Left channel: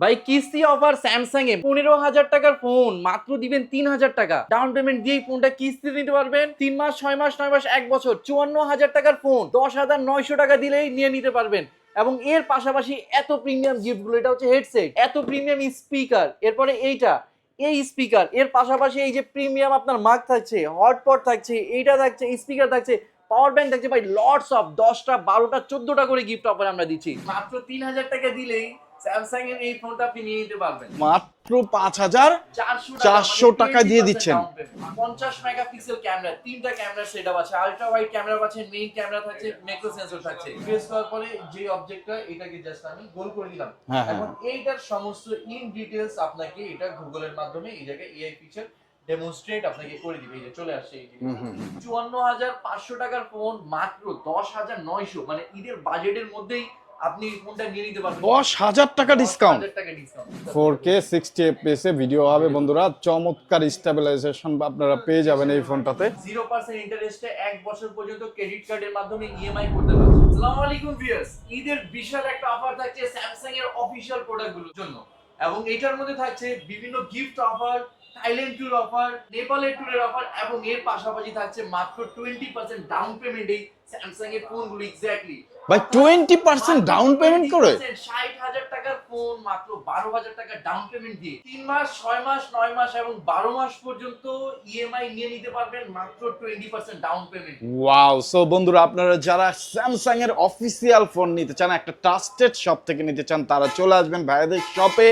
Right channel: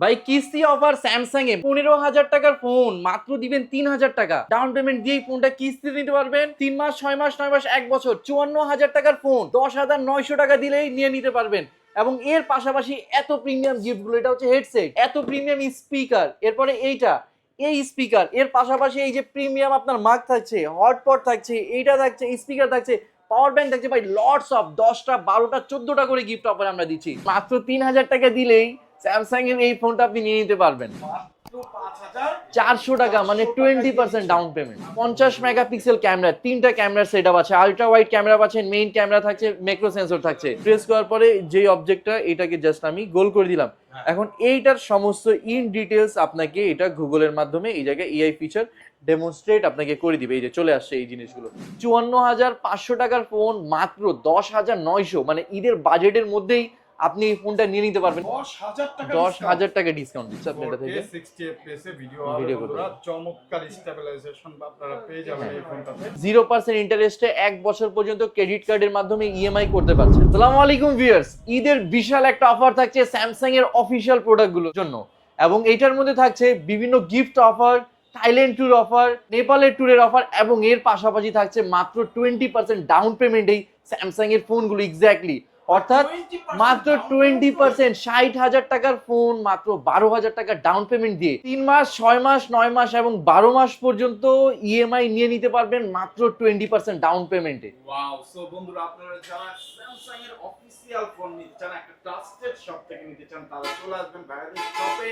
ভাই কিস্তি offer Samsung A 15,000 টাকার ফোন মাত্র দিবেন 3,000 টাকা ডাউন পেমেন্ট দিয়ে ফোনটা কিস্তি নিতে পারবেন 3 মাস 6 মাস 9 মাস 1 বছর 54,000 টাকার ফোন 10,900 টাকা দিলেই নিয়ে নিতে পারবেন। এবং এর পাশাপাশি এত প্রিমিয়াম গিফট গুলো, এটা হচ্ছে হেডসেট, এত প্রিমিয়াম স্পিকার, এরপরে এইটা এই স্পিকার, এর পাশাপাশি এই যে প্রিমিয়াম আপনার মাইক থাকছে, হটপট থাকছে, এইটা থাকছে, স্পিকার থাকছে, পাওয়ার ব্যাংক থাকছে, ভাই লটস অফ 10টা 12টা 14টা করে গিফট অফার আমরা দিচ্ছি। মাত্র 3,000 টাকা দিলেই স্যামসাং এর এই ফোনটা আপনি নিয়ে নিতে পারবেন মাত্র 5,400 টাকা, মানে টাকা দিয়ে 20% দিচ্ছেন। Down payment. 50 মেগাপিক্সেল ক্যামেরা, তিনটা ক্যামেরা সেটআপ আছে, আলট্রা ওয়াইড ক্যামেরা পাচ্ছেন, মেইন ক্যামেরা থাকছে, ম্যাক্রো সেন্সর থাকছে। প্রেস করার পরে যেই অবজেক্টটা এটাকে জাস্ট আমি গোল করে দিলাম। হ্যাঁ, এখন এইটার সমস্ত ইন ডিটেইলস আপনাকে এটা গুগলের মাধ্যমে এই জায়গায় এআই ফিচার ডেমনস্ট্রেট আপনাকে করে দিবে। এই যে চলে আসছে এই জিনিসগুলো। 54,500 টাকার ফোন মাত্র 10,900, মানে ঈদের বাজেটের মধ্যেই আপনি এই ফোনটা নিয়ে নিতে পারবেন। 10,000 টাকা ডিসকাউন্ট, 10,000 টাকা ডিসকাউন্ট, 4K 60 fps এ ভিডিও হবে বন্ধুরা। চমৎকার স্টেবিলাইজেশন আপনারা পেয়ে যাবেন এই ফোনটাতে। 0% ইন্টারেস্টে 1 বছর পর্যন্ত ক্রেডিট কার্ডের মাধ্যমে ইএমআই করতে পারছেন। আসসালামু আলাইকুম ভিউয়ার্স, ঈদের বিশাল একটা অফার থাকছে স্যামসাং এর অফিশিয়াল প্রোডাক্টগুলোর জন্য, এবং এটার মধ্যে থাকছে বিভিন্ন gift offer, Thailand tour offer, নেপালের ট্যুরের অফার, এবং এর পাশাপাশি থাকছে মাত্র 20% ডাউন পেমেন্টেই স্যামসাং এর ফোনগুলো। এক্স্যাক্টলি 20% ডাউন পেমেন্ট করে 60,000 টাকার ফোন মাত্র 12,000 টাকা ডাউন পেমেন্ট দিয়ে 3 মাস 6 মাস 9 মাস এবং 12 মাস পর্যন্ত ইএমআই নিয়ে নিতে পারবেন মাত্র 20% ডাউন পেমেন্টে। ওয়াও। সো বন্ধুরা, আপনারা যারা স্যামসাং এর অফিসিয়াল ফোন নিতে চান, একটা ট্রাস্টেড শপ থেকে নিতে চান, তারা চলে আসবেন ভাইয়াদের শপে।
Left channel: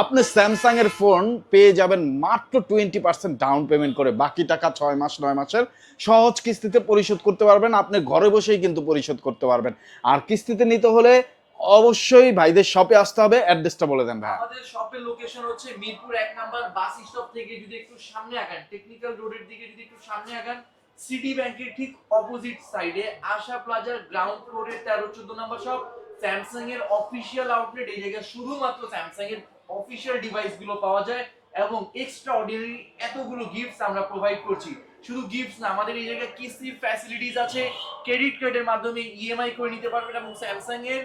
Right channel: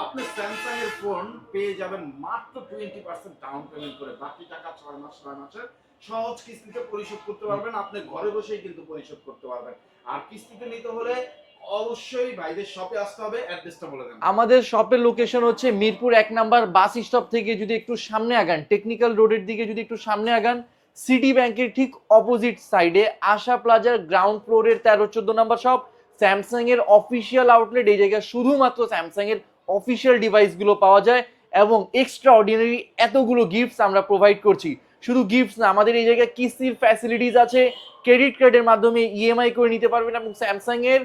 আপনি স্যামসাং এর ফোন পেয়ে যাবেন মাত্র 20% ডাউন পেমেন্ট করে। বাকি টাকা 6 মাস 9 মাসের সহজ কিস্তিতে পরিশোধ করতে পারবেন। আপনি ঘরে বসেই কিন্তু পরিশোধ করতে পারবেন। আর কিস্তিতে নিতে হলে অবশ্যই ভাইদের শপে আসতে হবে। অ্যাড্রেসটা বলে দেন। আমাদের শপের লোকেশন হচ্ছে মিরপুর 1 নাম্বার বাস স্টপ থেকে যদি একটু সামনে আগান, টেকনিক্যাল রোডের দিকে যদি একটু সামনে আগান, সিটি ব্যাংকের ঠিক অপোজিট সাইডে আশা প্লাজার গ্রাউন্ড ফ্লোরের 13-14 নাম্বার শপ। স্যামসাং এর অফিসিয়াল আউটলেট, এই জায়গায় শুধুমাত্র স্যামসাং এর অফিসিয়াল ডিভাইসগুলো পাওয়া যায় এবং এক্সট্রা অর্ডিনারি এতগুলো গিফটস আমরা প্রোভাইড করছি। শুধু গিফটস না, আমাদের এই জায়গায় কিস্তির ফ্যাসিলিটিস আছে, ক্রেডিট কার্ডের মাধ্যমে ইএমআই করে নিতে পারবেন, এবং স্যামসাং এর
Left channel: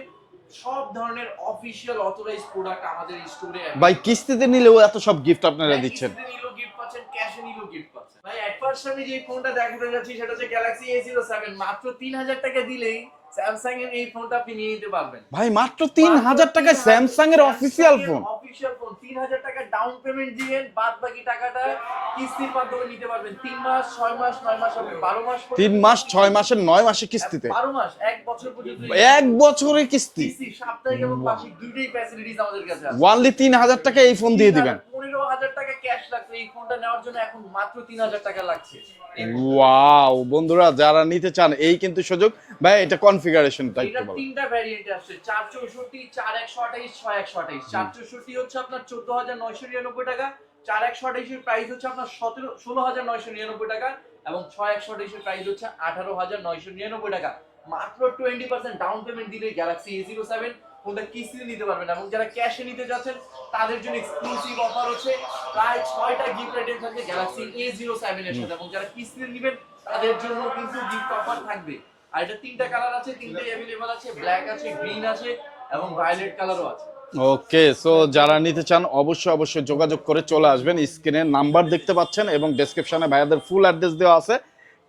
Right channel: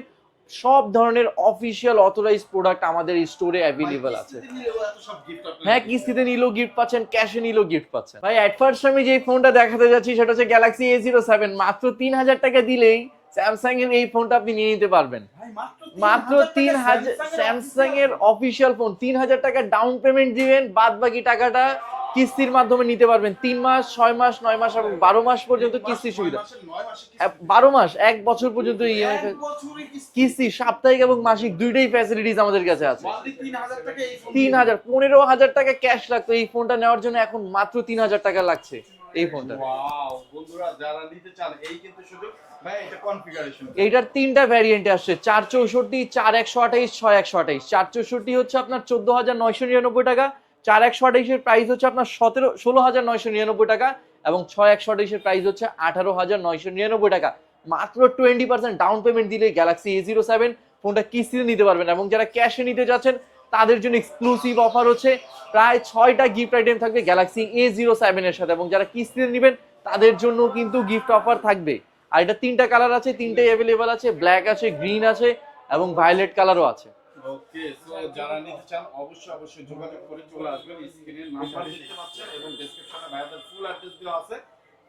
সব ধরনের অফিশিয়াল অথরাইজড প্রোডাক্ট আমাদের স্টোরে अवेलेबल। ভাই কিস্তিতে নিলেও এত সব গিফট আপনারা হ্যাঁ, দিচ্ছেন। কিস্তিতে নিলেও গিফট পাচ্ছেন, ক্যাশে নিলেও গিফট পাচ্ছেন। ভাই এট ফার্স্ট আমি যে ফোনটা দেখাতে যাচ্ছি সেটা হচ্ছে গ্যালাক্সি A07। মাত্র 3,000 টাকা দিলেই স্যামসাং এর এই ফোনটা আপনি নিয়ে নিতে পারবেন। ভাই মাত্র 3,000 টাকা স্যামসাং এর অফিসিয়াল ফোন। অফিশিয়াল ফোন 3,000 টাকা ডাউন পেমেন্ট দিবেন, বাদ বাকি টাকাটা কিস্তির মাধ্যমে নিতে পারবেন। 3 মাস 6 মাস 9 মাস এবং 12 মাস পর্যন্ত। 3 মাস 6 মাসের 9 মাসে কিস্তিতে, 12 মাস 1 বছর পর্যন্ত 1 বছরের কিস্তি। কিস্তি সাপ্তাহিক এবং মাসিক দুইটাই ফ্যাসিলিটিস আমাদের কাছে আছে। ওয়ানলি 3,000 টাকা এই ফোন দিয়ে দিবেন। 15,000 টাকা ক্যাশ লাগতো এই ফোনটা নেওয়ার জন্য, এখন মাত্র 3,000 টাকা লাগছে এই ফোনটা। ওয়াও বন্ধুরা, যারা নিতে চান এই কিন্তু সুযোগ। ভাই এটা কনফিগারেশনটা, এটার তিনটা ভ্যারিয়েন্ট আসছে, 464, 4128, 6128। 464 হচ্ছে আপনার 14,999 টাকা, 4128 এর প্রাইস হচ্ছে আপনার 16,999 টাকা, এবং 6128 এর প্রাইস হচ্ছে 18,999 টাকা। মাত্র 20% ডাউন পেমেন্ট দিলে গ্যালাক্সি A07 ফোনটা কিস্তিতে নিতে পারবেন। এবং যারা ক্যাশে নিতে যাচ্ছেন তাদের জন্য এক্সক্লুসিভ অফার হচ্ছে, প্রায় 6টা গিফট আইটেম থাকবে গ্যালাক্সি A07 এর সাথে, এবং যারা কিস্তিতে নেবেন তাদের জন্য কিন্তু গিফট অফার থাকবে। আর এটা তিনটা কালার আছে, তিনটাই অ্যাভেলেবল আছে, ব্ল্যাক আছে, গ্রিন আছে এবং ভায়োলেট কালারও আছে। ওকে। সো যারা নিতে চান অবশ্যই যোগাযোগ করে চলে আসবেন। স্ক্রিনে নাম্বার দেখতে পাচ্ছেন এবং ডেসক্রিপশনে ভাইয়াদের ফুল অ্যাড্রেস দেওয়া আছে।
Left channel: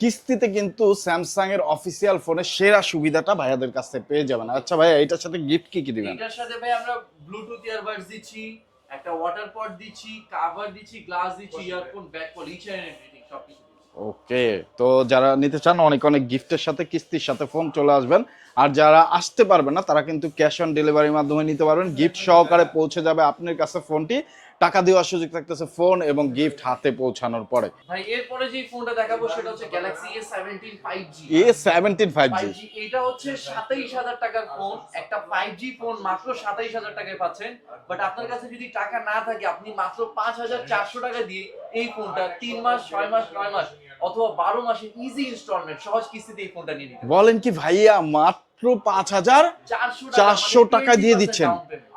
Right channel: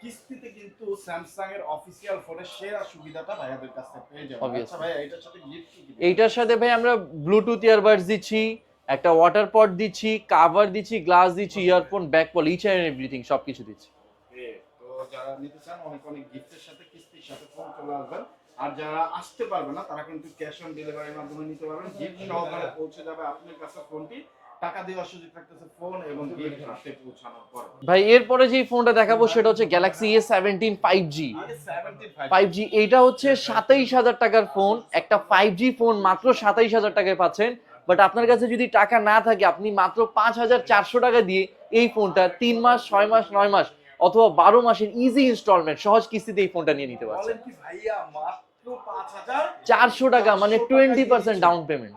কিস্তিতে কিন্তু স্যামসাং এর অফিসিয়াল ফোনের সেরা সুবিধাটা ভাইয়াদের কাছে পেয়ে যাবেন। আচ্ছা ভাই, এটার সাথে গিফট কি কি দিবেন? এইটার সাথে ভাই আমরা ব্লুটুথ ইয়ারবাডস দিচ্ছি, একটা ওয়াটার পট দিচ্ছি, কভার দিচ্ছি, গ্লাস দিচ্ছি, ইয়ারফোন, ব্যাকপল, ইচ এন্ড এভরিথিং সবকিছু দিচ্ছি। ওকে। তো যারা নিতে চান অনেক গিফটের সাথে কিস্তির সাথে ফোন চলে আসবেন। আর যারা আসতে পারবেন না তারা কিন্তু ক্যাশ অন ডেলিভারির মাধ্যমে নিতে পারবেন। গিফট সহকারে পৌঁছে যাবে আপনার কাছে ফোনটি। টাকা দেওয়ার সুযোগ থাকতেছে ফোন এবং গিফট হাতে পৌঁছানোর পরে। ভাই এরপরে যে ফোনটা দেখাবো সেটা হচ্ছে Galaxy A17 5G। A17 5G এইটা হচ্ছে 27,000 টাকার ফোন, একটা 5G ফোন মাত্র 27,000 টাকায় পাচ্ছেন। বাট আপনার কাছে যদি টাকা না থাকে, আপনি মাত্র 5,400 টাকা দিয়ে এই ফোনটা 3 মাস 6 মাস 9 মাস অথবা 12 মাসের ইজি ইনস্টলমেন্ট সহজ কিস্তিতে এই ফোনটা নিয়ে নিতে পারবেন। বলেন কি ভাইয়া, মাত্র মাত্র 5,400 টাকা, মানে 400 টাকা দিয়ে 20% দিচ্ছেন ডাউন পেমেন্ট।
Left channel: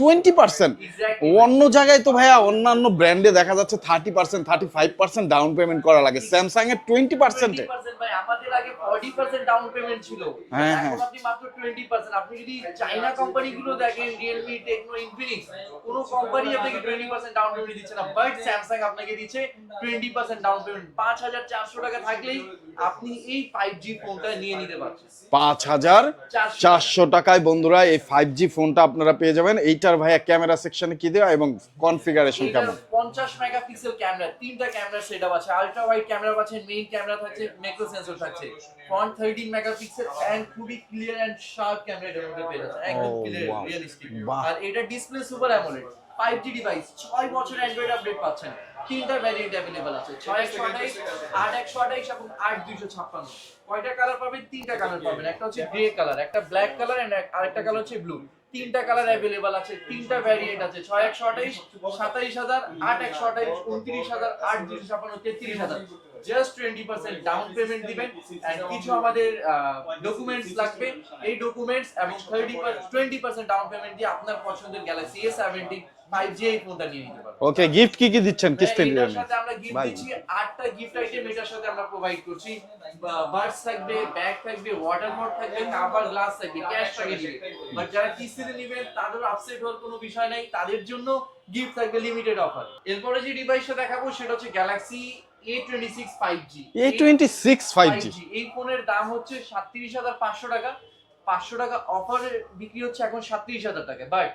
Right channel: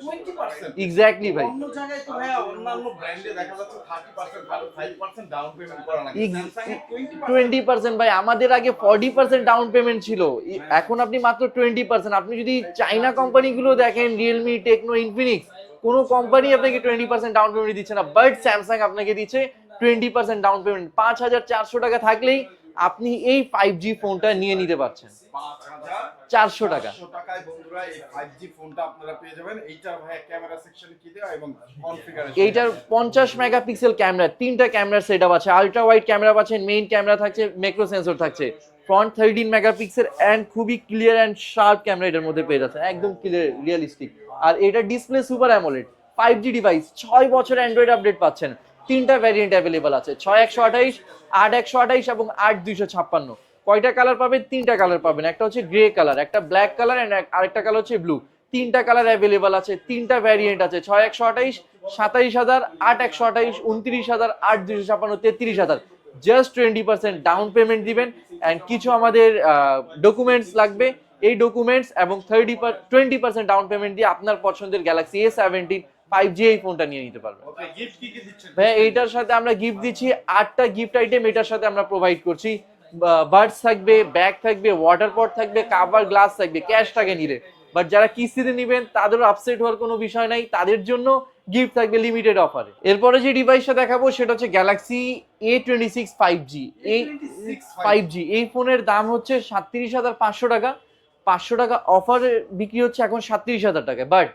20%। এক্স্যাক্টলি। অন্য জায়গায় তো ভাইয়া অন্যান্য ব্র্যান্ডে দেখা যাচ্ছে 30% 35% ডাউন পেমেন্ট করা লাগে, স্যামসাং এর 20%। 20% ভাই, আমাদের আগে 40% ডাউন পেমেন্ট ছিল, হ্যাঁ, এখন আপনি মাত্র 20%। আপনি যদি চাইনা কোম্পানিগুলো দেখেন, রিয়েলমি, টেকনো, ইনফিনিক্স, কোনো কোম্পানি আপনাকে 20% ডাউন পেমেন্ট দিচ্ছে না, বাট স্যামসাং আপনাকে দিচ্ছে 20% ডাউন পেমেন্ট। 5,400 টাকা থাকলেই আপনি এই 5G ফোনটা নিয়ে নিতে পারছেন 5,400 টাকায় বন্ধুরা এই 5G ফোনটা আপনারা পেয়ে যাবেন। এইটার ভাইয়া ক্যামেরা সেকশনে কি দেওয়া এবং কনফিগারেশন এইটার 50 মেগাপিক্সেল ক্যামেরা, 3টা ক্যামেরা সেটআপ আছে, আলট্রা ওয়াইড ক্যামেরা পাচ্ছেন, মেইন ক্যামেরা থাকছে, ম্যাক্রো সেন্সর থাকছে, ফ্রন্ট 13 মেগাপিক্সেল এন্ড খুবই ক্লিয়ার এন্ড শার্প ক্যামেরা এটার মধ্যে পেয়ে যাচ্ছে, একদম ক্লিয়ার, রিয়েলিস্টিক। আর এটা display super AMOLED, 5G device, 6 বছর অ্যান্ড্রয়েড আপডেট পাচ্ছেন। 3টা ভ্যারিয়েন্ট অ্যাভেলেবল আছে, 6128, 8128 এবং 8256। কয়টা কালার পাবেন? 3টা কালার পাবেন, একটা হচ্ছে গ্রে কালার, একটা ব্ল্যাক কালার এন্ড আরেকটা কালার হচ্ছে ব্লু। 3টা কালার অ্যাভেলেবল আছে, 3টা ভ্যারিয়েন্ট আছে, 6128, 27,000, 8128, 29,000, 8256, 33,000। জাস্ট 20% ডাউন পেমেন্ট দিবেন এন্ড কিছু আমাদের ডকুমেন্টস লাগবে, এই ডকুমেন্টস এবং 20% ডাউন পেমেন্ট দিয়ে আপনার পছন্দের গ্যালাক্সি A70 5G এই ফোনটা নিয়ে নিতে পারবেন। ওকে, গিফট কি কি দিচ্ছেন? এটার সাথে আমরা গিফট দিচ্ছি 8টা গিফট আইটেম এটার সাথে আমরা প্রোভাইড করছি। বার্ডস থাকবে, ব্যাগ থাকবে, ওয়াটার পট থাকবে, কাভার গ্লাস থাকবে ক্যাশ টাকা নিলে। বাট যারা কিস্তিতে নেবেন তাদেরও আপসেট হওয়ার কোনো বিষয় নাই, তাদের জন্য গিফট থাকবে লিমিটেড অফারে। এরপরে যে ডিভাইসটা দেখাবো সেটা হচ্ছে Galaxy A26 5G। A26 5G এই ফোনের দাম হচ্ছে 37,500 টাকা, 500 টাকা অফারে বিক্রি হচ্ছে এখন 37,000 টাকা। বাট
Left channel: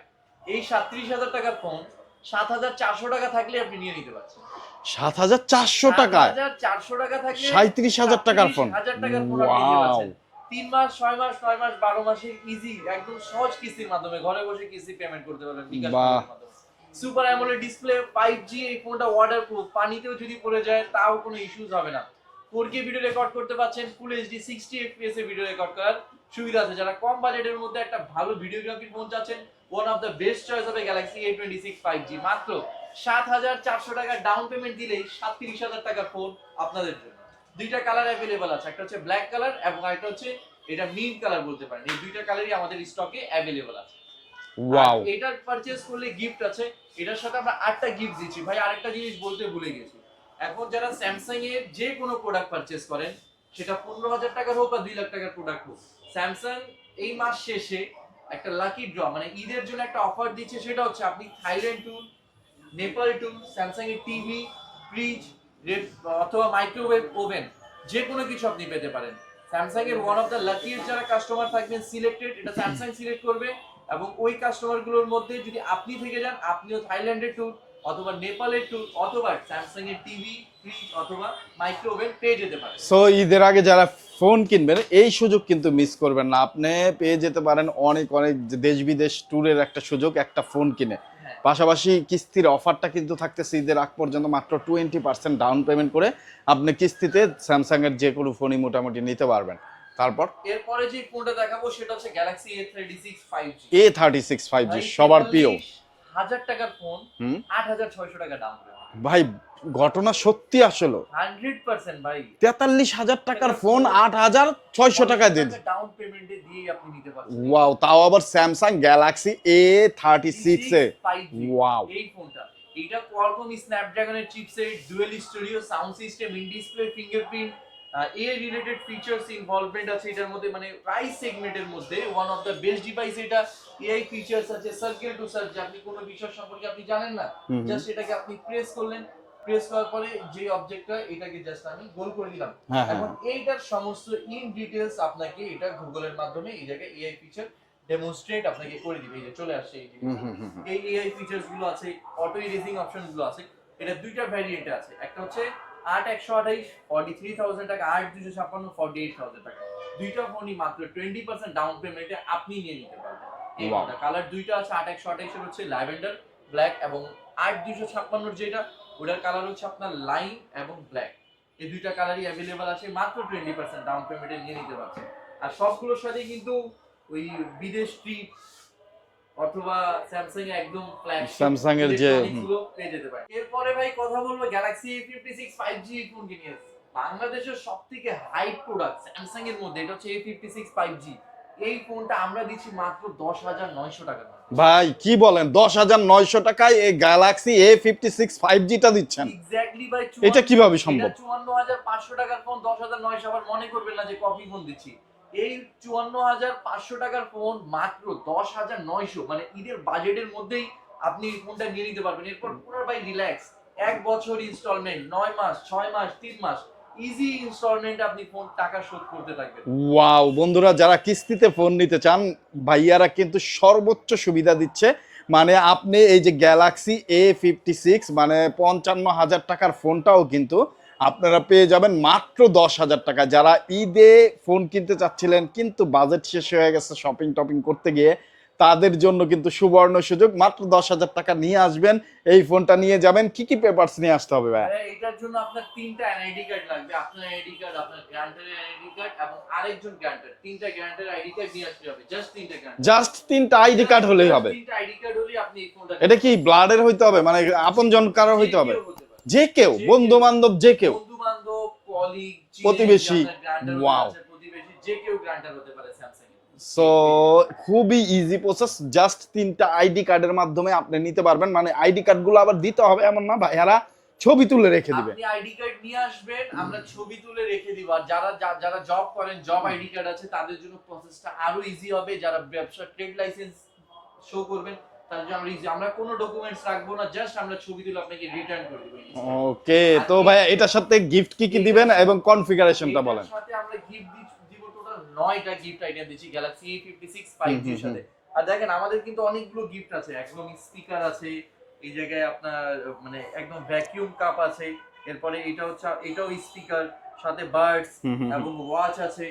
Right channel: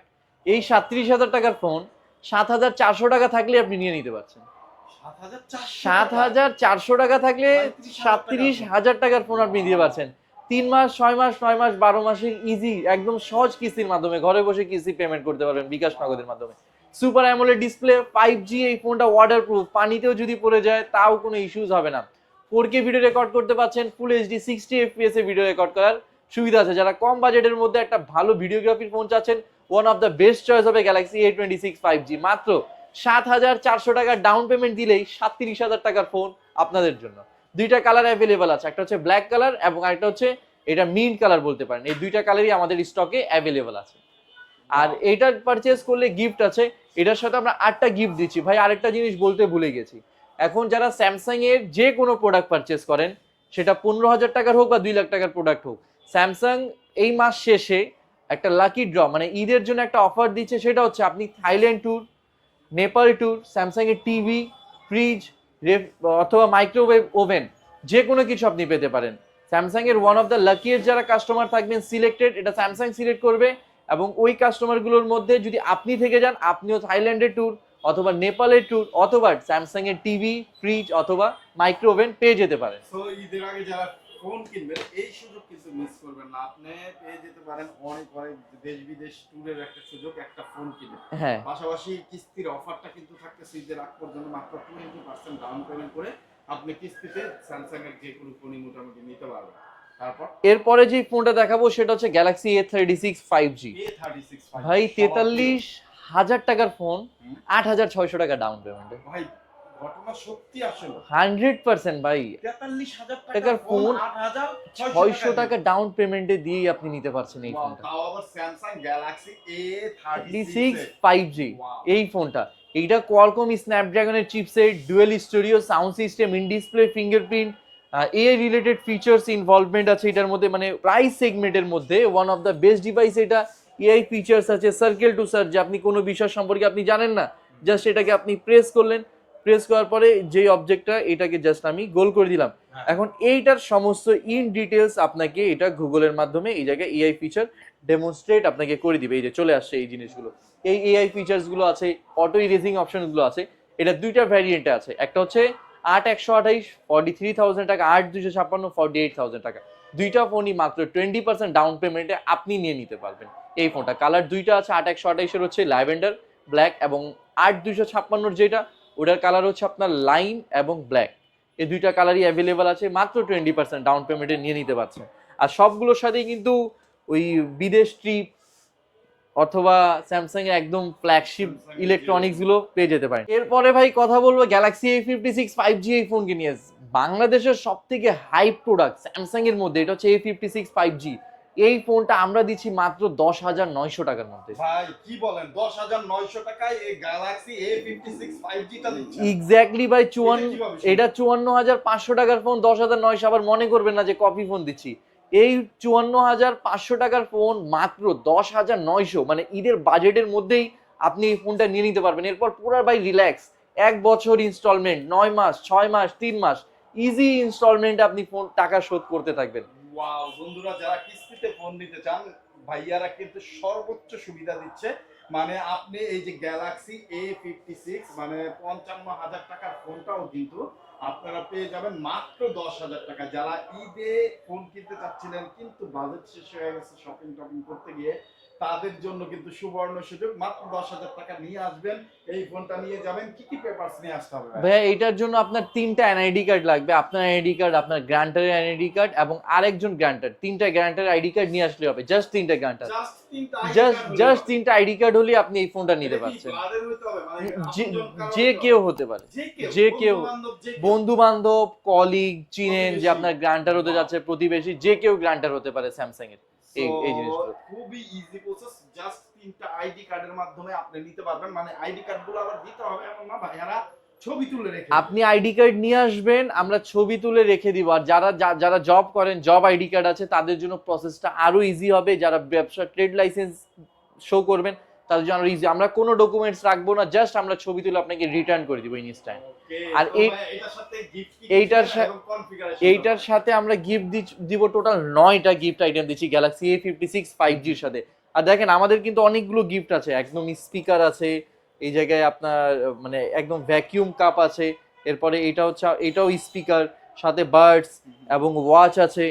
এই 37,000 টাকার ফোন 7,400 টাকা থাকলে আপনি নিয়ে নিতে পারছেন। 7,400 টাকা, 7,400 টাকা থাকলে 37,000 টাকার ফোন, 37,000 টাকার ফোন আপনি নিতে পারছেন। 3 মাস, 6 মাস, 9 মাস, 12 মাসের ইজি একদম সহজ কিস্তির মাধ্যমে ঘরে বসে কিস্তি পেমেন্ট করতে পারবেন বিকাশ নগদের মাধ্যমে। সুপার অ্যামোলেড ডিসপ্লে, 5G, এই ফোনটা ওয়াটারপ্রুফ, পানিতেও যদি পড়ে যায় তাও কোনো ইস্যুস হবে না। 4K ভিডিও রেকর্ড করতে পারছেন, ফুল এইচডি 60 FPS এ ভিডিও রেকর্ড করার সুবিধা আছে। যারা কম বাজেটের মধ্যে একটা ভালো ভিডিওগ্রাফির ফোন চাচ্ছেন, one of the best choice হবে গ্যালাক্সি A26 5G। মাত্র 7,400 টাকা ডাউন পেমেন্ট দিলেই 37,000 টাকার ফোন আপনাদের জন্য। 2টা কালার অ্যাভেলেবল আছে, একটা হচ্ছে ব্ল্যাক কালার এবং আরেকটা হচ্ছে এটা মিন্ট কালার বলতে পারেন। এই 2টা কালারই আমাদের স্টকে অ্যাভেলেবল আছে। আর এটা পারচেজ করলে গিফট আছে, এটার সাথে আমরা 8টা গিফট দিচ্ছি। ভাই আরেকটা জিনিস বলতে ভুলে গেছি, এখন যারা স্যামসাং এর যে কোনো প্রোডাক্ট পারচেজ করেন, সেটা 15,000 টাকার হোক বা 2 লাখ টাকার প্রোডাক্ট হোক, স্যামসাং এই মাস শেষে একটা লাকি ড্র মানে ঈদের জন্য একটা অফার দিচ্ছে। সেটা হচ্ছে আপনি Thailand tour, Nepal tour, Samsung এর টিভি, ফ্রিজ, অথবা মাইক্রোওয়েভ ওভেন, যে কোনো কিছু আপনি পেতে পারেন। স্যামসাং এর ওয়ান অফ দ্য লাকিয়েস্ট যারা কাস্টমার থাকবেন সিলেক্টেড, এটা স্যামসাং সিলেক্ট করবে এবং ওই কাস্টমারগুলোর মধ্যে যদি আপনি থেকে যান, আপনিও থাইল্যান্ডের ট্যুর অথবা নেপালের ট্যুর অথবা স্যামসাং এর টিভি, ফ্রিজ অথবা মাইক্রোওভেন পেয়ে যেতে পারেন। সো ঈদের আগে যারা ফোন কিনবেন এই সুযোগ কিন্তু মিস করবেন না, আপনি পেয়ে যেতে পারেন অনেক অনেক দেশ বিদেশ ট্যুরের একটা সুযোগ একটা ফোন কিনে। হ্যাঁ, পাশাপাশি কিস্তির অফারটা কিন্তু থাকতেছে ঈদের আগ পর্যন্ত, মাত্র 20% ডাউন পেমেন্ট করে আপনি কিস্তিতে স্যামসাং এর যে কোনো ফোনই মোটামুটি নিতে পারবেন। তারপর এরপরে যে ফোনটা দেখাবো সেটা হচ্ছে Galaxy A36 5G। A36 5G ভাই সবার প্রিয়। 43,000 টাকার ফোন, 8,600 টাকা ডাউন পেমেন্ট। ভাই ঘটনা সত্যি আসলে 100% ভাই, 43,000 টাকার ফোন 8,600 টাকা দিয়ে ডাউন পেমেন্টে দিয়ে আপনি নিতে পারছেন। ওয়াও, তাও আবার Samsung Galaxy A36 5G। Wow, এই ফোনটা, এইটা কোয়ালকম স্ন্যাপড্রাগনের chipset, dual studio sound system, in display fingerprint, AI related features involvement আছে এটার মধ্যে। মানে প্রাইস সেগমেন্টের মধ্যে one of the best device এটা। এআই ফিচার্স আছে, সার্কেল টু সার্চ, যে আপনি কোনো বিষয় সম্পর্কে আপনি জানেন না, জাস্ট এটাকে আপনি প্রেস করলেন, প্রেস করার পরে যে অবজেক্টটা এটাকে জাস্ট আমি গোল করে দিলাম। এখন এইটার সমস্ত ইন ডিটেলস আপনাকে এটা গুগলের মাধ্যমে এই জায়গায় এআই ফিচার ডেমনস্ট্রেট আপনাকে করে দিবে। এই যে চলে আসছে এই জিনিসগুলো, এই এআই ফিচার্স গুলো আছে, অটো ইরেজিং অপশন গুলো আছে। এটা 2টা ভ্যারিয়েন্টে আছে, একটা হচ্ছে 8,128 43,000 টাকা, 8,256 48,000 টাকা। 2টা ফোনই মাত্র 20% ডাউন পেমেন্টে আপনি নিয়ে নিতে পারবেন এই ফোনটা। কালার 2টা আছে, 8,128 এর হচ্ছে ল্যাভেন্ডার ব্ল্যাক এবং 8,256 যেটা ওটার কালার হচ্ছে আপনার লাইম এবং ব্ল্যাক। এই 2টা কালারই অ্যাভেলেবল আছে, মাত্র 20% ডাউন পেমেন্টে নিয়ে নিতে পারছেন। আর সবগুলোর সাথেই কিন্তু ওই বিদেশ ট্রিপ অথবা স্যামসাং এর একদম ফ্ল্যাগশিপ ইলেকট্রনিক্স গুলো পেয়ে যেতে পারেন। এরপরে ভাই কথা বলবো গ্যালাক্সি A56 5G এই ফোন কে নিয়ে। বাংলাদেশের সবথেকে হাইপ প্রোডাক্ট স্যামসাং এর মধ্যে এটা হচ্ছে A56 5G। এই ফোনটা আমরা দিচ্ছি মাত্র 10,900 টাকার মধ্যে। ভাই কি বলেন, 10,900 টাকায় এই গ্যালাক্সি A56 5G টা দিচ্ছেন? এক্স্যাক্টলি ভাই, এটা কিভাবে এটা সম্ভব? 54,500 টাকার ফোন 10,900, আবার মনে করবেন না যে কপি ফোন দিচ্ছি। এই 54,500 টাকার ফোন মাত্র 10,900, মানে ঈদের বাজেটের মধ্যেই আপনি এই ফোনটা নিয়ে নিতে পারবেন। এরপর পুরা ভাই রিল্যাক্স, 1 বছর ইনস্টলমেন্ট, 9 মাস, 6 মাস, 3 মাস, ইজি ইনস্টলমেন্টে আপনি ফোন টাকা শোধ করতে থাকবেন। ওয়াও বন্ধুরা, যারা কিস্তিতে ফোন নিতে চান, ভাইয়ারা কিন্তু সর্বোচ্চ সুবিধা দিচ্ছে। মানে আপনি এই যে গ্যালাক্সি A56 মানে 55,000 টাকার ফোনটাও কিন্তু আপনারা পেয়ে যাবেন মাত্র 10,000 টাকা। যারা ঈদে ফোন কিনতে চাচ্ছিলেন কিন্তু বাজেট শেষ হয়ে গেছে শপিং টপিং করতে গিয়ে, তাদের জন্য কিন্তু সুবর্ণ সুযোগ। মাত্র 10,000 টাকা নিয়ে আসবেন, এই ফোনটা নিয়ে যাবেন। কি কি পেপারস নিয়ে আসতে হবে ভাই? ভাইয়া এটার জন্য আপনার 3টা এনআইডি কার্ড লাগবে, আপনার এনআইডি কার্ড, আপনার গ্রান্টারের এনআইডি কার্ড এবং আরেকজন গ্রান্টার, 3টা গ্রান্টারের আইডি কার্ড নিয়ে আসলে হবে। জাস্ট 3টা গ্রান্টার, জাস্ট 3টা আইডি কার্ড হলে হবে? 3টা আইডি কার্ড হলে আপনি এই ফোনটা নিতে এটা কি পারবেন। ব্লাডের হইতে হবে, মানে আপনজন কারো যে হইতে হবে? কেউ হতে পারে, যে কেউ, যে কেউ। বন্ধু বান্ধব, যে কেউ, বন্ধু বান্ধব, কলিগ, চিনে যে প্রতিবেশী। আপনার গ্রান্টার হতে Wow. যাচ্ছে, প্রতিবেশী, যে কেউ গ্রান্টার হতে পারে স্যামসাং এর। সো এই জিনিসগুলো। খুবই ইজি প্রসেস। জাস্ট 3টা আইডি কার্ডের মাধ্যমে আপনি নিতে পারবেন। মানে আইডি কার্ড গুলো আবার দিতে হবে এমন না, ভাইয়ারা ছবি তুলে রেখে দিবে। আপনি আইডি কার্ড নিয়ে আসবেন, আমরা ছবি তুলে রেখে দিব। আর যারা জব করেন, জব আইডি কার্ড আছে, তাদের জন্য প্রসেসটা আরো ইজি হবে। যারা ব্যবসা ট্রেড লাইসেন্স শো করবেন, তাদের জন্য আরো ইজি। আমরা কোনো ডকুমেন্টস রাখবো না, জাস্ট আমরা ছবি তুলে আপনাকে রিটার্ন করে দিব ইনস্ট্যান্ট। ওকে, আর তো ভাই এটার সাথে গিফট কি কি দিবেন এবং কনফিগারেশনটা এইটার বলেন। সাথে আমরা গিফট দিব টোটাল 9টা গিফট আইটেম দিচ্ছি গ্যালাক্সি A56 5G এর সাথে। আর দেখেন আমাদের কিন্তু অনেকগুলো গিফট আছে, একদম স্পিকার আছে এই জায়গায় আপনার, মানে একদম ভ্যাকিউম কাপ আছে। এরপরে এটা হচ্ছে, এটাও স্পিকার, সাথে বার্ডস এবং ওয়াচ আছে।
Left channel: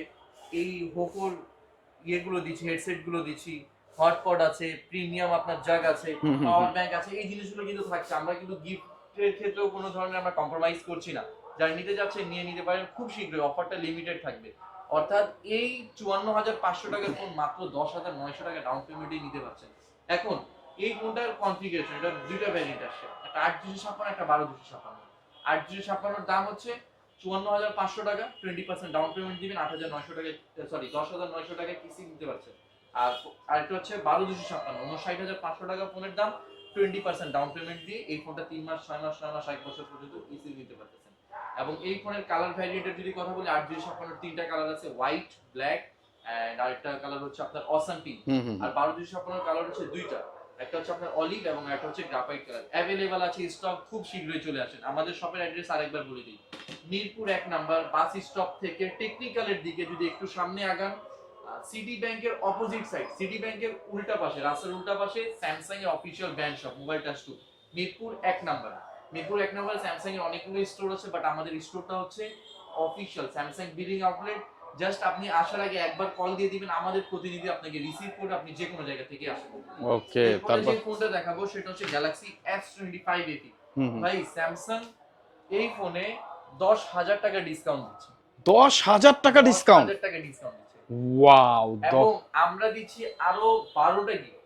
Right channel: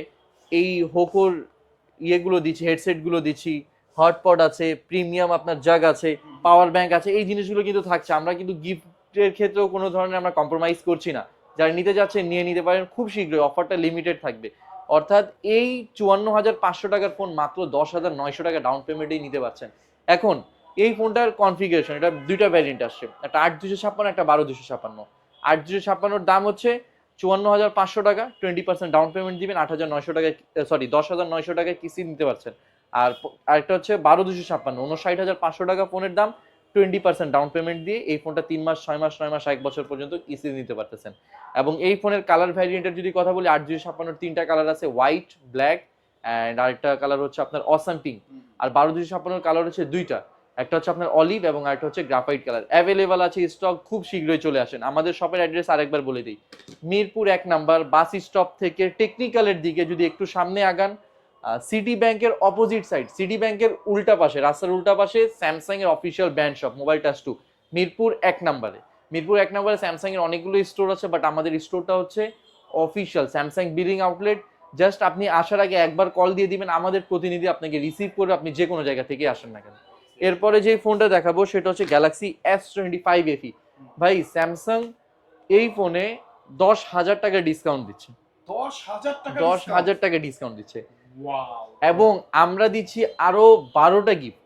এই হোকোর ইয়েগুলো দিচ্ছি, হেডসেট গুলো দিচ্ছি, হটপট আছে, প্রিমিয়াম আপনার জাগ আছে, পাওয়ার ব্যাংক আছে। এই জিনিসগুলো কিন্তু থাকছে। আমরা কিন্তু গিফটের ক্ষেত্রেও কোনো ধরনের আমরা কম্প্রোমাইজ করছি না। যারা নিতে যাচ্ছেন নিয়ে নিতে পারেন খুব শীঘ্রই, অফারটা লিমিটেড থাকবে। অর্থাৎ এই 54,500 টাকার ফোন মাত্র 10,900 টাকা ডাউন পেমেন্টেই নিতে পারছেন। এখন এই ফোনটার কনফিগারেশন, এটা দুইটা ভ্যারিয়েন্ট আসছে, একটা 8,256, একটা 12,256। 8,256 দাম হচ্ছে 54,500 টাকা, 20% ডাউন পেমেন্ট দিবেন, 8,900 টাকায়, সরি 10,900 টাকায় কিস্তি নিতে পারছেন। আর আরেকটা হচ্ছে 12,256, 59,500 টাকা ফোনের দাম, 20% ডাউন পেমেন্ট দিয়ে এই ফোনটা 3 মাস, 6 মাস, 9 মাস, 1 বছর পর্যন্ত কিস্তি নিতে পারতেছেন। এবং এই ফোনের কালার ভ্যারিয়েন্টের যদি কথা বলি, 8,256 3টা কালার আছে, হোয়াইট, ব্ল্যাক এন্ড আরেকটা কালার হচ্ছে আপনার অসাম পিঙ্ক। আর 12,256 কালার হচ্ছে দুইটা, একটা হচ্ছে আপনার অলিভ এবং আরেকটা হচ্ছে গ্রাফাইট কালার। অ্যাভেলেবল আছে, স্টক খুব শীঘ্রই চলে আসেন। আমাদের শপের অ্যাড্রেস আরেকবার বলে দিই, মিরপুর 1 নাম্বার বাস স্টপ থেকে টেকনিক্যালের দিকে যদি একটু সামনে আগান, সিটি ব্যাংকের অপোজিট সাইড, সিটি ব্যাংকের উল্টা পাশে, রাস্তার উল্টা পাশে স্যামসাং এর official brand shop mobile touch 2, Mirpur 1 নাম্বারে। মিরপুর 1 নাম্বারে স্যামসাং এর অনেকগুলো স্টোর আছে, বাট আমাদের স্টোরটা হচ্ছে official Samsung billing outlet. Just আপনি আসার আগে একবার কল দিয়ে দিবেন, আমাদের প্রতিনিধি আপনাকে রিসিভ করবে, আপনি যে কোনো জায়গা থেকে আসেন না কেন। ওকে, এরপরে যে ফোনটা দেখাবো সেটা হচ্ছে গ্যালাক্সি S25 FE। ভাই স্যামসাং এই ফোনে 10,000 টাকা ডিসকাউন্ট দিচ্ছে। 10,000 টাকা ডিসকাউন্ট? 10,000 টাকা ডিসকাউন্ট দিচ্ছে। ওয়াও। এবং আমরা দিচ্ছি আরো 12টা গিফট।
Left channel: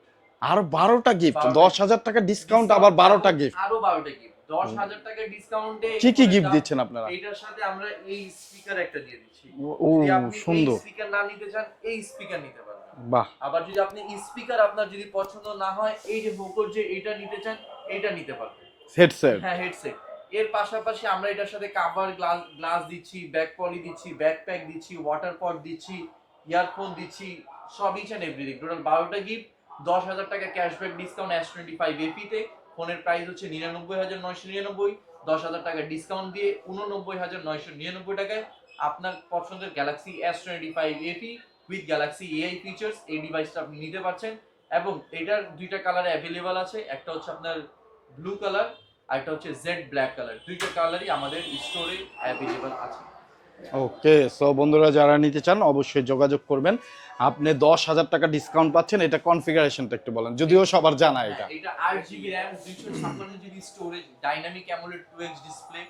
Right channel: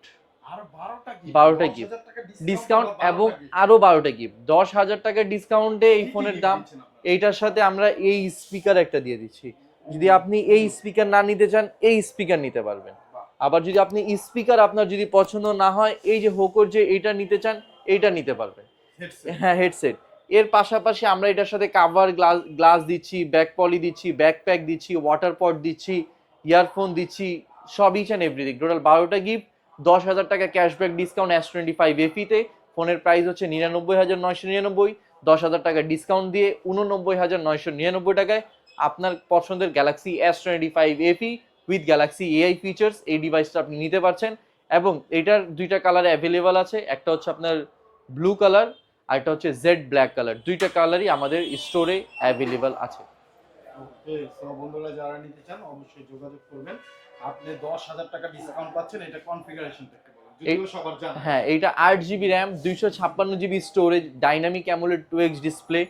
আর 12টা গিফট, 12টা 10,000 টাকা ডিসকাউন্ট, আবার 12টা গিফট। আরো 12টা গিফট, 10,000 টাকা ডিসকাউন্টে কি কি গিফট দিচ্ছেন আপনারা? এইটার সাথে আমরা এই স্পিকার একটা দিয়ে দিচ্ছি। ও, যদি আপনি এই সুন্দর। স্পিকার না নিতে চান, এই স্পিকার নিতে পারবেন। বাহ। আবার যদি আপনি স্পিকার আপনার যদি পছন্দ না হয়, এই যে হোকোর যে এইটা নিতে চান, এইটা নিতে পারবেন। হেডসেট। হ্যাঁ, হেডসেট। এর পাশাপাশি আমরা এটার সাথে কাভার, গ্লাস দিচ্ছি, ব্যাক পলি দিচ্ছি, ব্যাকপ্যাক দিচ্ছি, ওয়াটার পট দিচ্ছি, ইয়ারফোন দিচ্ছি, সব ইচ অ্যান্ড এভরিথিং। টোটাল 12টা গিফট, 10,000 টাকা ক্যাশব্যাক ডিসকাউন্ট S25 FE তে। ফোনের প্রাইস হচ্ছে 99,999। 10,000 টাকা ডিসকাউন্ট দিয়ে 89,999 টাকায় আপনার পছন্দের Galaxy S25 FE with Galaxy AI features এই ডিভাইসটা আপনি নিতে পারছেন। এবং এটার দুইটা কালার অ্যাভেলেবল আছে, একটা হচ্ছে আপনার ব্লু কালার আর একটা হচ্ছে জেড ব্ল্যাক কালার। দুইটা কালারই আমাদের স্টোরে অ্যাভেলেবল আছে। ওকে, সো বন্ধুরা যারা নিতে চান অবশ্যই যোগাযোগ করবেন। আপনি 10,000 টাকা ডিসকাউন্ট পাচ্ছেন। এটা কনফিগারেশনটা একটু বলেন, যদিও সবার জানা। হ্যাঁ, এইটা 8GB RAM, 256GB storage, dynamic AMOLED 2x display,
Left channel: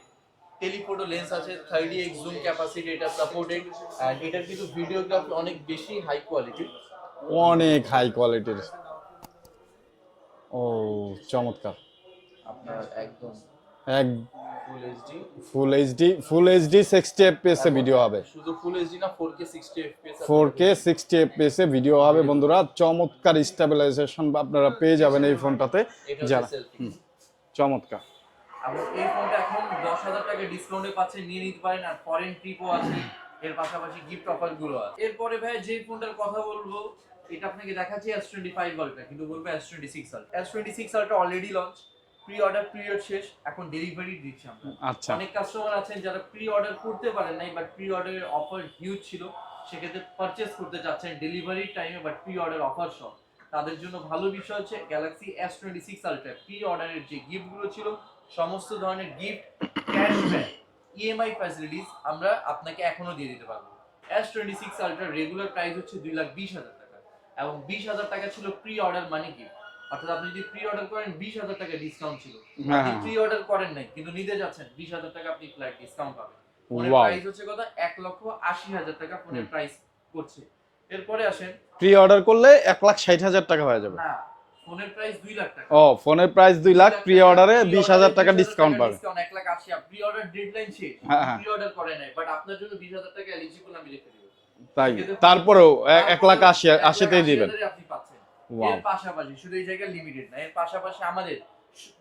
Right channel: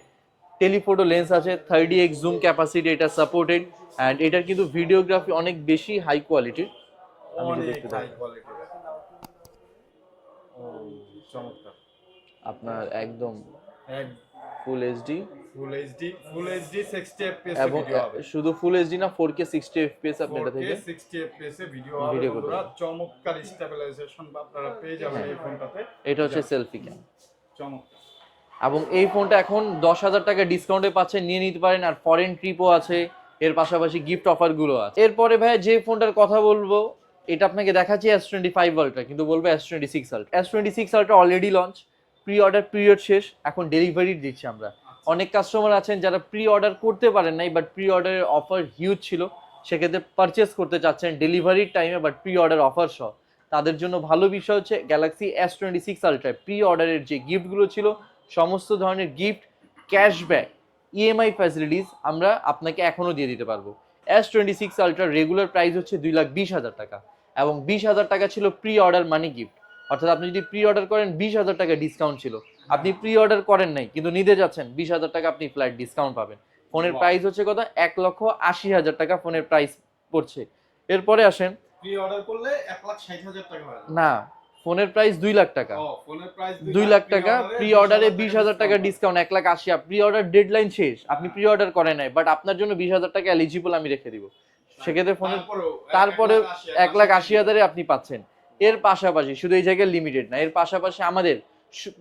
telephoto lens আছে, 30x জুম ক্যাপাসিটি এটা সাপোর্টেড। এন্ড এটার কিন্তু ভিডিওগ্রাফি অনেক বেশি হাই কোয়ালিটির, অনেক হাই কোয়ালিটির। ও চমৎকার। আপনার একদম এক ফুল এইচডি 60 fps এ ভিডিও হবে। শুধু ফুল এইচডি না 4K 60 fps 4K 60 fps এ ভিডিও হবে বন্ধুরা। চমৎকার স্টেবিলাইজেশন আপনারা পেয়ে যাবেন এই ফোনটাতে। এটা হচ্ছে সেলফি ক্যাম, চমৎকার। এবং এই ফোনটা এখন 10,000 টাকা ডিসকাউন্টে পাচ্ছেন, নিয়ে নিতে পারেন। আর ফরেন ট্রিপও আছে, এর পাশাপাশি গিফট অফার গুলো আছে। এরপরে ভাই যে ফোনটার কথা বলবো, এটা আপনাকে দেখাচ্ছি S25 Ultra, কিন্তু বলবো S26 Ultra। S26 Ultra already launch, pre order period শেষ, এখন ডেলিভারি দিচ্ছি আমরা। অনেক কাস্টমার আছেন যারা প্রি অর্ডার করতে পারেন নাই, বাট প্রি অর্ডারের অফার হিউজ ছিল, সেক্ষেত্রে পারচেস করতে চাচ্ছেন ডেলিভারির টাইমে বাট প্রি অর্ডার অফার সহ। তাদের জন্য ভালো বিষয় হচ্ছে গ্যালাক্সি S26 Ultra প্রি অর্ডারের যে গিফটগুলো ছিল, সমস্ত ধরনের গিফট, ক্যাশব্যাক, ইএমআই ফ্যাসিলিটিস আমরা আপনাকে এখনো দিয়ে দিতে পারবো। S26 Ultra রেগুলার প্রাইস হচ্ছে 2,20,000 টাকা, এবং 20,000 টাকা ছিল প্রি অর্ডার মানি গিফট। অর্থাৎ আপনি যদি প্রি অর্ডার করেন 20,000 টাকা ডিসকাউন্ট ছিল, আপনি প্রি অর্ডার করেন নাই কিন্তু নিতে যাচ্ছেন, 20,000 টাকা আপনি ফ্ল্যাট ডিসকাউন্ট পাবেন। ফোনের প্রাইস হচ্ছে কত, 1,80,000 টাকা ফোনের প্রাইস পড়ছে। এরপরে আসেন, প্রি অর্ডার করলে 1,60,000 টাকা হয়ে যাবে না, ফোনের প্রাইস 2 লাখ টাকা। ও, ফোনের প্রাইস 2 লাখ, প্রি অর্ডারে 20,000 টাকা ডিসকাউন্ট, 1,80,000। প্রি অর্ডার ডেডলাইন শেষ, প্রি অর্ডার করেন নাই, বাট আপনার জন্য 20,000 টাকা এলিজিবল আমি রেখে দিব। তারপরেও 1,80,000 আপনি পাচ্ছেন। এর পাশাপাশি শুধু এই জায়গায় লিমিটেড না, এর পাশাপাশি আমাদের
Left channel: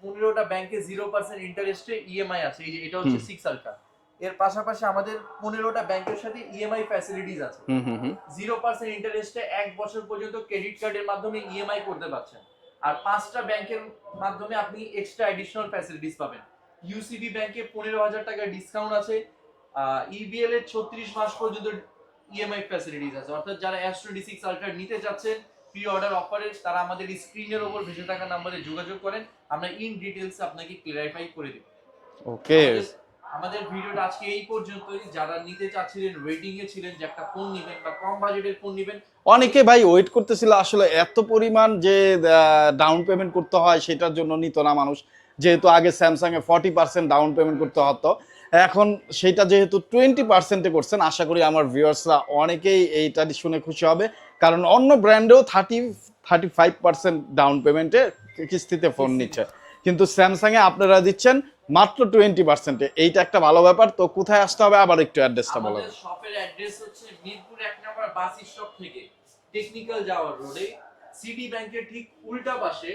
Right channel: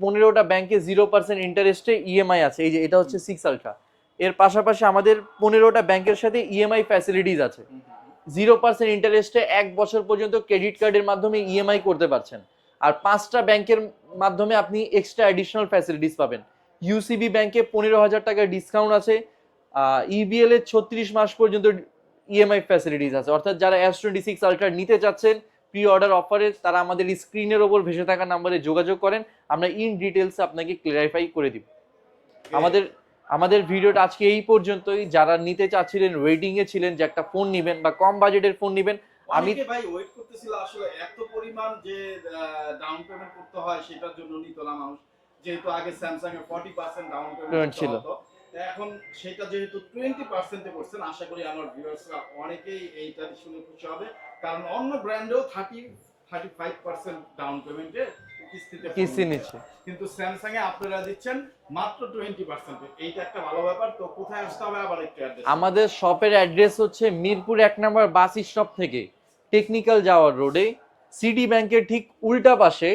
15টা ব্যাংকে 0% ইন্টারেস্টে ইএমআই আছে। এই যে এটা হচ্ছে 6 আলট্রা। এর পাশাপাশি আমাদের 15টা ব্যাংকের সাথে ইএমআই ফ্যাসিলিটিস আছে। 0% ইন্টারেস্টে 1 বছর পর্যন্ত ক্রেডিট কার্ডের মাধ্যমে ইএমআই করতে পারছেন। আর 5টা ব্যাংকের মাধ্যমে আপনি এক্সট্রা অ্যাডিশনাল ফ্যাসিলিটিস পাবেন। ইউসিবি ব্যাংকে 15,000 টাকার ডিসকাউন্ট আছে। ইবিএল এর 36 মাস পর্যন্ত ইএমআই ফ্যাসিলিটিস আছে। অর্থাৎ যারা S26 আলট্রা নিতে চাচ্ছেন প্রি অর্ডার অফারে, তারা আমাদের স্ক্রিনের ওপর ভেসে থাকা নম্বরে যোগাযোগ করেন, আমরা ইন ডিটেইলস আপনাকে ক্লিয়ারিফাই করে দিব। ওকে, আমাদের ভিডিওটা আজকে এই পর্যন্তই। যারা নিতে চাচ্ছিলেন, ওয়েটিং এ ছিলেন যে একটা ফোন নেবেন বা কম বাজেটের ফোন নেবেন, অনেকে ভাই ওয়েট করতেছিল আসলে এত পরিমাণ যে ডাউন পেমেন্ট করতে হয় সেটার জন্য নিত না মানুষ, যেহেতু আগে স্যামসাং এ 40% ডাউন পেমেন্ট করতে হতো, এখন সেটা যেহেতু 20% করছেন, আশা করি আমার ভিউয়ার্সরা অনেকেই এইটা শুনে খুশি হবে, কারণ অন্য ব্র্যান্ডেও 35% ডাউন পেমেন্টে কিস্তিতে ফোন নিচ্ছে, কিন্তু স্যামসাং এ আপনারা দিচ্ছেন মাত্র 20%। এইটা একটা ভালো ব্যাপার। তো কোথায় আসতে হবে আবার একটু অ্যাড্রেস? আমাদের শপের অ্যাড্রেস হচ্ছে মিরপুর 1 নম্বর বাস স্টপ থেকে টেকনিক্যাল যাওয়ার রোডে, সিটি ব্যাংকের ঠিক উল্টা পাশে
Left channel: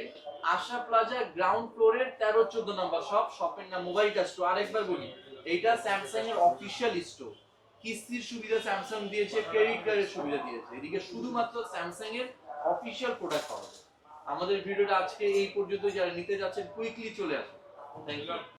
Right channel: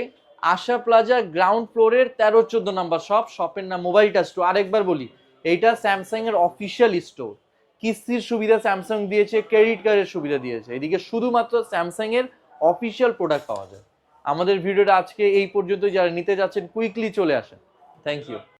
আশা প্লাজা গ্রাউন্ড ফ্লোরের 13-14 নম্বর শপ। শপের নাম মোবাইল টাচ স্টোর। আরেকবার বলি, এইটা স্যামসাং এর অফিসিয়াল স্টোর। কিস্তির সুবিধা স্যামসাং দিয়েছে, ক্রেডিট কার্ডের সুবিধা দিয়েছে, এদিকে শুধুমাত্র স্যামসাং এর অফিসিয়াল প্রোডাক্ট পাওয়া যায়। আমাদের ভিডিওটা আজকে এই পর্যন্ত। যারা নিতে যাচ্ছেন কুইকলি চলে আসেন। Thank you.